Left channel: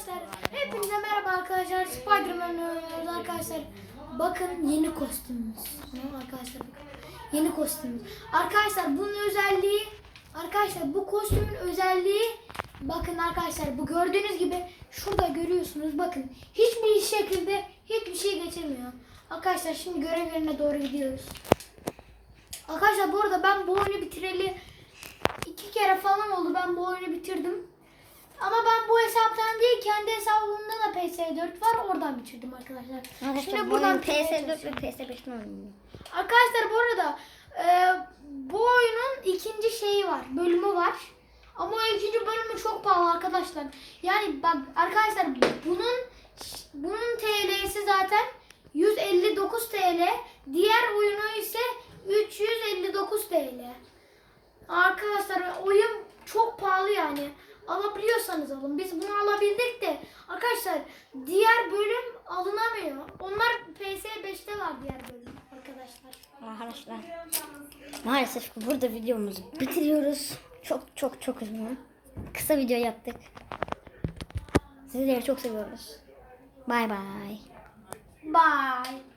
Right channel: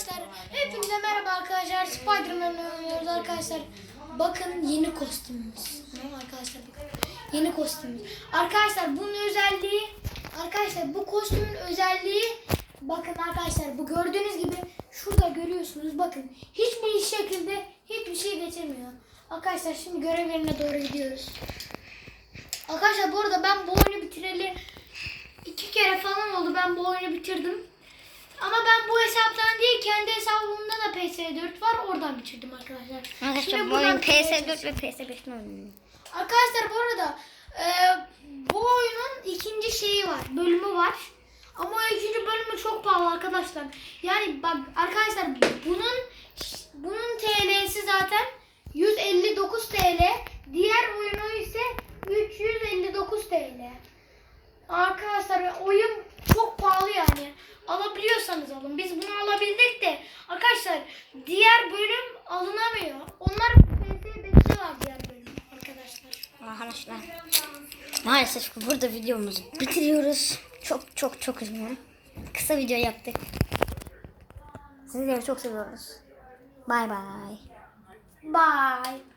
arkadaşlar. Hepinize merhaba arkadaşlar. Spider-Man oynuyoruz arkadaşlar. Bakın yeni kostümümüz. Tamam arkadaşlar. Yeni kostümümüz. Arkadaşlar bunun özelliği arkadaşlar bu kostümün özelliği bakın arkadaşlar bu gördüğünüz gibi şurada görüyorsunuz bakın hiçbir şekilde hiçbir şey geçirmiyor. Arkadaşlar şimdi görev yerine doğru gidiyoruz. Arkadaşlar bu arada ben bu oyunu bitireli iki kere falan oldu ben bu oyunu bitirdim. Ama ben bu hesaptan değil kendi hesabımda da PS4 var oradan bitirdim arkadaşlar. Arkadaşlar bu oyun bitirmeye PS4 çalışıyorum. ve PS5'ten oynuyor. Arkadaşlar bu arada e, bu oyunun ikinci şeyi var, bölümü var. Ama o ikinci bölümü çok pahalı arkadaşlar. Yani bak arkadaşlar bunun bunun TL'si zaten 159 TL. Diğer oyunu ise 359 TL. Arkadaşlar oyun. Alabiliyorsanız alın. Biz bunu alabildik de arkadaşlar diğer bölüm alınamıyor. Onlar PS5'te var diğer bölüm arkadaşlar. Arkadaşlar maalesef ki burada videomuzu bitiriyoruz. Çok çok çok üzgünüm. Kısa video yaptık. Sizleri çok seviyoruz. Bay bay. Bye.